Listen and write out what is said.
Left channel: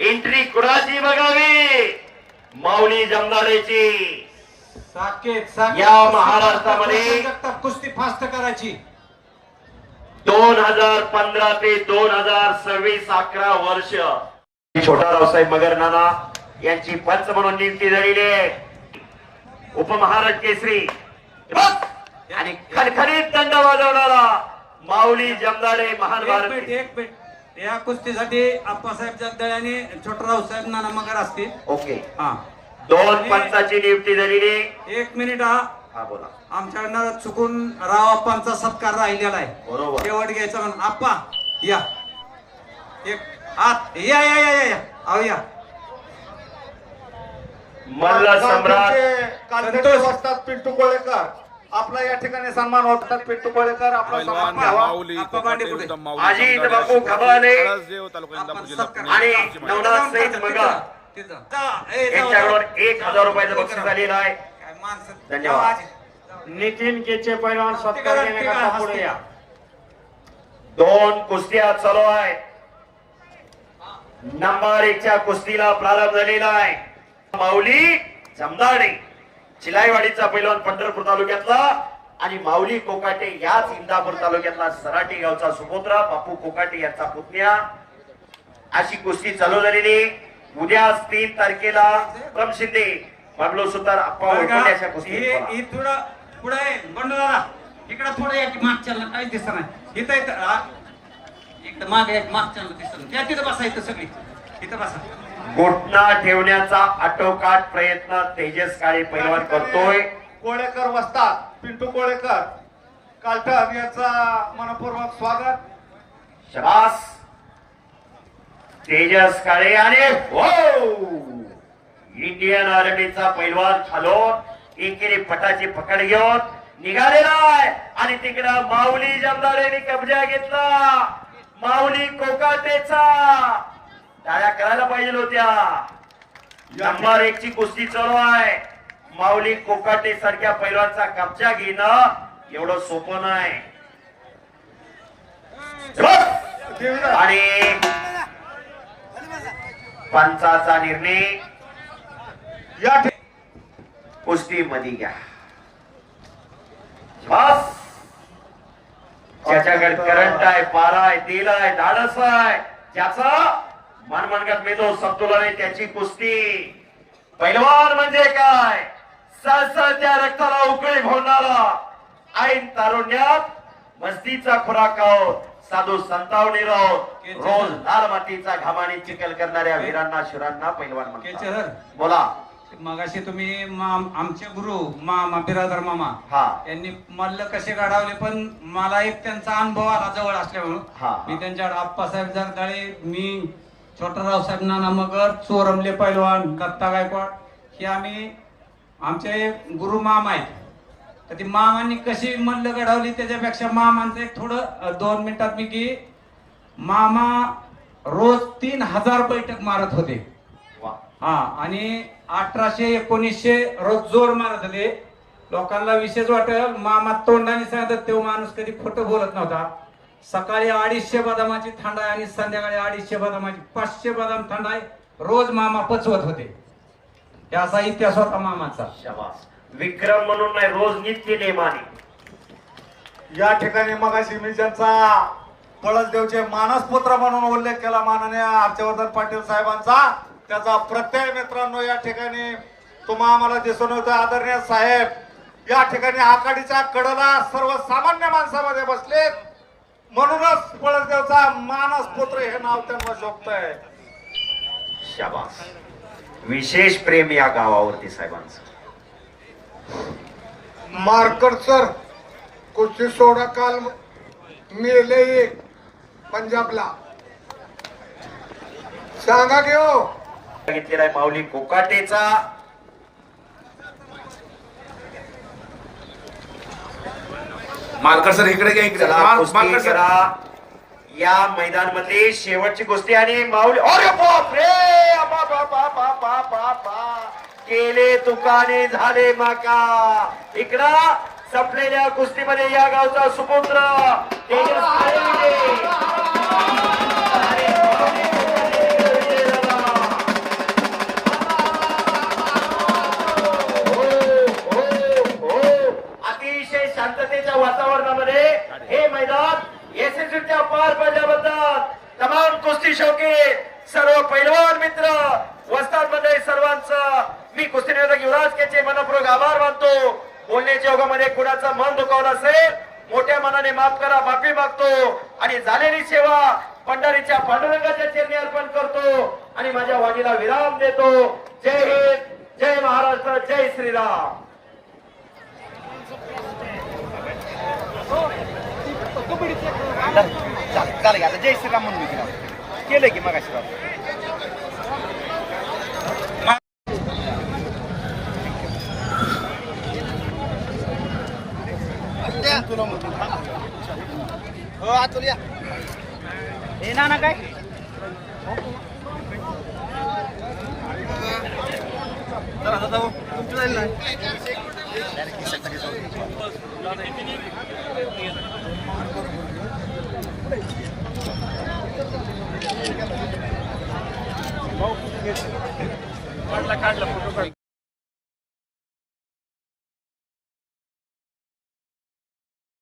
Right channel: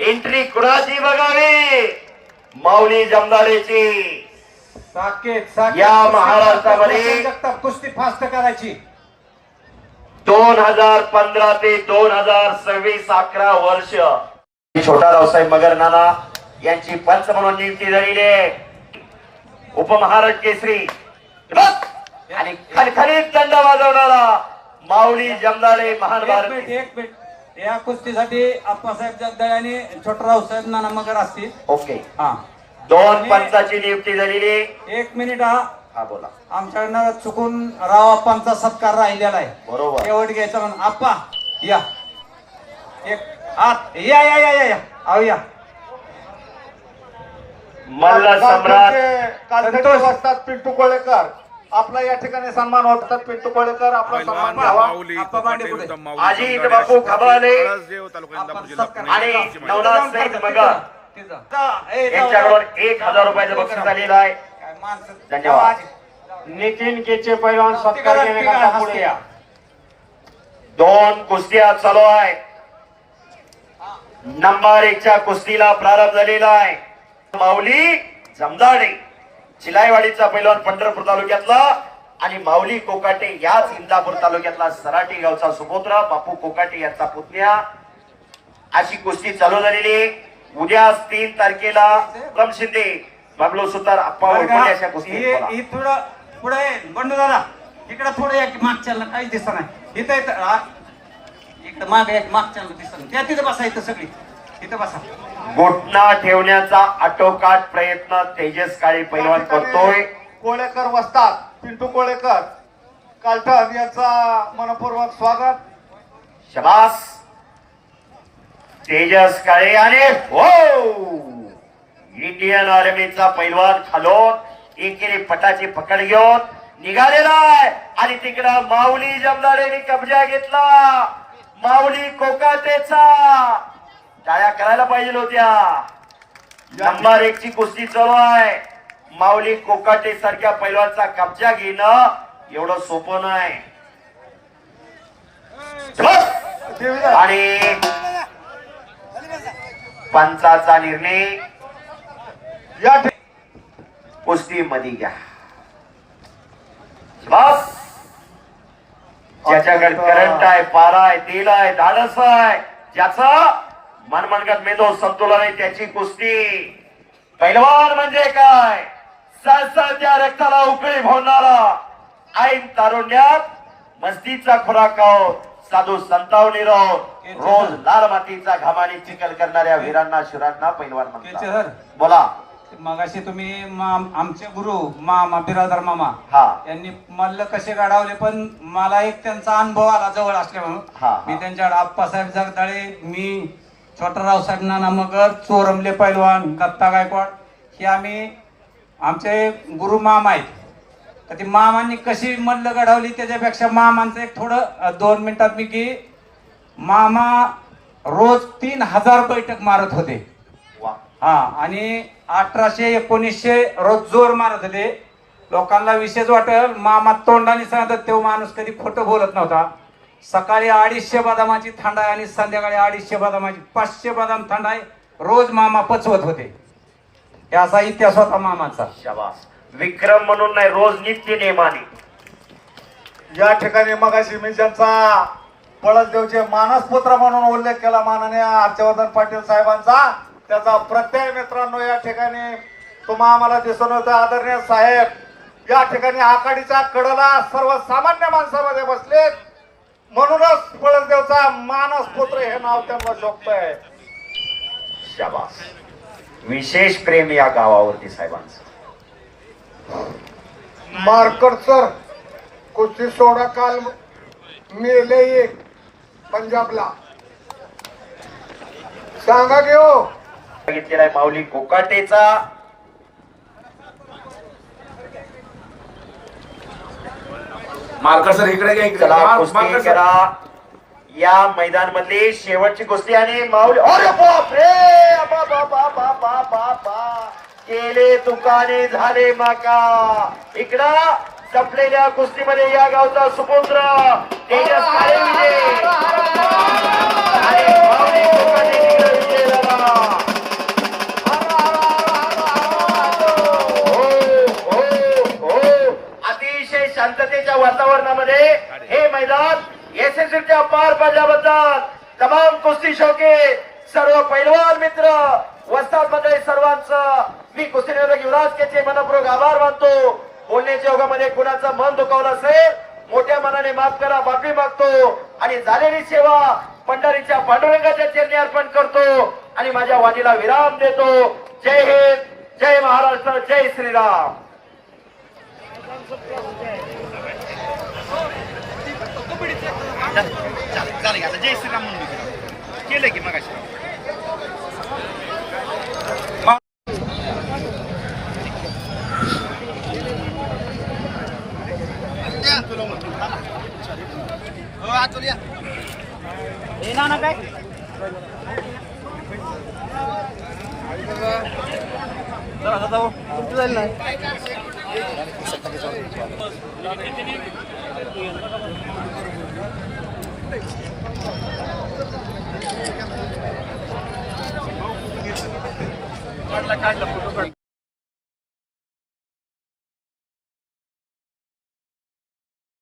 Entry कुणाची बघावी? माऊली जमदारेची. या महाराष्ट्रामध्ये कुस्ती फास्ट करायची. 2015 ते 2026 11 वर्ष छोटा रावसाहेब मगर नाना यांची पंच म्हणून नियुक्ती झालेली आहे. उपमहाराज केसरी आणि खणखणीत दंड वाजवणारा माऊली जमदारे महान भारत. एक मिनिट या कुस्तीसाठी आप्पासाहेब जगदाळे आणि छोटराव साहेब नाना मगर असतील. ओके. हा, 2 पंचाची नियुक्ती झालेली. 1 मिनिट. हा हा बोला. आमच्याकडनं चुकून राव आप्पांचा सत्कार राहिलेला आहे. बरोबर. शेवट घ्यायचा म्हणून आप्पा या. एक आत या या या या अहो या. मल्ल सम्राट संतोष असतात पिंटू कोळेकर आपला या ठिकाणी सन्मान होतात. पिंटू कोळेकर आपला सन्मान घ्यावा. अजित बापू खबाले आणि नवनाथ सैद मगर यांच्याकडून 1000 रुपयाचं बक्षीस झालेलं आहे. धन्यवाद. नितीन केचे पैलवान सत्कार घेण्याकरता पुढे या. 2 कुस्त्या चालू आहेत. नंबर 1 च्या कुस्तीला प्रारंभ झालेला आहे. माऊली जमदाडे चिलाईवाडीचा पैलवान पंढरपूर तालुक्यातला आणि माऊली कोकाटे याच इंदापूर तालुक्यातला सराटी गावचा सुपुत्र बापू कोकाटे यांचा पुतण्या. अशी कुस्ती चालू झालेली. उद्या 3 तारखेला प्रमशिते बंगलो सुतार अप्पा वैकुंठ अशा कुस्ती. थोडं पुढे बंडू दादा इकडे थोडं या की मागच्या काही दिसत नाही. इथं इकडे मागे एक मागच्या दिसत नाही. त्या तिथं बसा. इथं सगळी इथं बसा. घोटणा ठेवण्याचा आटोकाट प्रयत्न तेजस काळे पैलवान करतोय. कोळेकर वसतात पिंटू कोळेकर कालठण यांचा मनपूर्वक स्वागत. शबास. तेजस काळे आणि हो इंडियन आर्मीचा पैलवान खालून एकेरी पटाची पकड घेऊन निघालेला आहे आणि तिकडं माऊली जमदारेने कब्जा घेतला. माऊली कोकाटेचा टाळ्या करायला पाहिजे होत्या. नंबर 1 ची कुस्ती चालू आहे. माऊली कोकाटे सारख्या पैलवानचा कब्जा घेणं एवढं सोपं नाही. आणि पंचाचा निर्णय या कुस्ती मध्ये घ्या. बस. ज्याच्याकडे करंट आहे, पारा आहे, तेल आहे, धाडस आहे, ज्याचा मनमनगत मेंदू संतुलन आहे त्याची कुस्ती. पैलवान म्हणजे काय? सळसळत्या रक्ताला उकळी भोवणारा ऐन तारुण्यात मस्तीचा खुराक आहोत. साधू संतावणी राहोत. रोज लाल मातीचा घामाने चिखल करणाऱ्या वीरांना शिरांना पैलवान म्हणतात. बोला. मगाशी तुम्ही आमचे गुरु मामा बिरादर मामा हा यांनी मल्ल कसे गाडावले पण मला एक त्यांचा अनुभव आला जवळ असल्यामुळं. मी त्यांच्याकडे आप्पासाहेब जगदाळे, मी छोटराव साहेब नाना मगर, चोरमले पैलवान, कत्ता गायकवाड हे आम्ही आमचे गुरु मामा आहेत. तर ती मामांनी कशी मल्ल घडवली त्याच्यापेक्षा मामांचं एक थोडं 2 मिनिटात मी की मामा रोज 3000 बैठक मारत होते. हा आणि 1800-1900 रोज जोर मारत होते. लोकांना विशेष वाटेल मामा तोंडाने सांगतात तेव्हा माणूस कधी खोटं बोलत नव्हता. सकाळी 250 बदामाची थंडाई आणि संध्याकाळी 250 बदामाची 500 बदाम थंडाई रोज मामा पचवत होते. असा इतिहास होता मामाचा. शाबास. विक्रम म्हणून नाही, रोज नित्य नेमाने. या ठिकाणी मगाशी मी ज्यांचा पळसदेवचे मानसपुत्र म्हणून उल्लेख केला माननीय हर्षवर्धन पाटील साहेबांचा, त्याचा प्रत्यय मित्रांनो या ठिकाणी तुम्हा आम्हाला दिसून होतं. आदरणीय साहेब या ठिकाणी आघाडीच्या कडला सर्वसामान्य माणसामध्ये बसलेत म्हणूनच पळसदेवचा मानसपुत्र हे नाव त्यांना शोभतंय. शाबास. विशेष प्रेम या गावावरती साहेबांचं. मार्कर सर कुस्ती सोडा काल मेले पंजाबला सांगा घेऊ घेतलेला माऊली कोकाटेचा. मार्कर सर इकडे घ्या. इकडे मार्कर सर. या मैदान मध्ये शेवटची कुस्ती आणि माऊली. अरे बापरे, केले तुकाने झाले माका. इकडं संपलेल्या कुस्तीमध्ये या गावचा सुपुत्र तेजस काळे कुस्ती शौकी सर्व पैलवान मित्र वस्ताद मंडळी सर्वांचं मी कुस्ती निवेदक युवराज केचे मनपूर्वक आभार मानतो. बोलण्याच्या योगामध्ये कुणाचा मन दुखावला असेल मोठ्या मनाने माफ करा, माफी मागतो आणि झालेली सेवा पंढरीच्या पांडुरंगाच्या चरणी अर्पण करतो आणि माझ्या वाणीला विराम देतो. जय हिंद, जय महाराष्ट्र, जय श्रीराम. जय श्रीराम म्हणून केलं की मग हो आतुल या हे ना काय तुमचं जाईल ना काढला फोटो काढ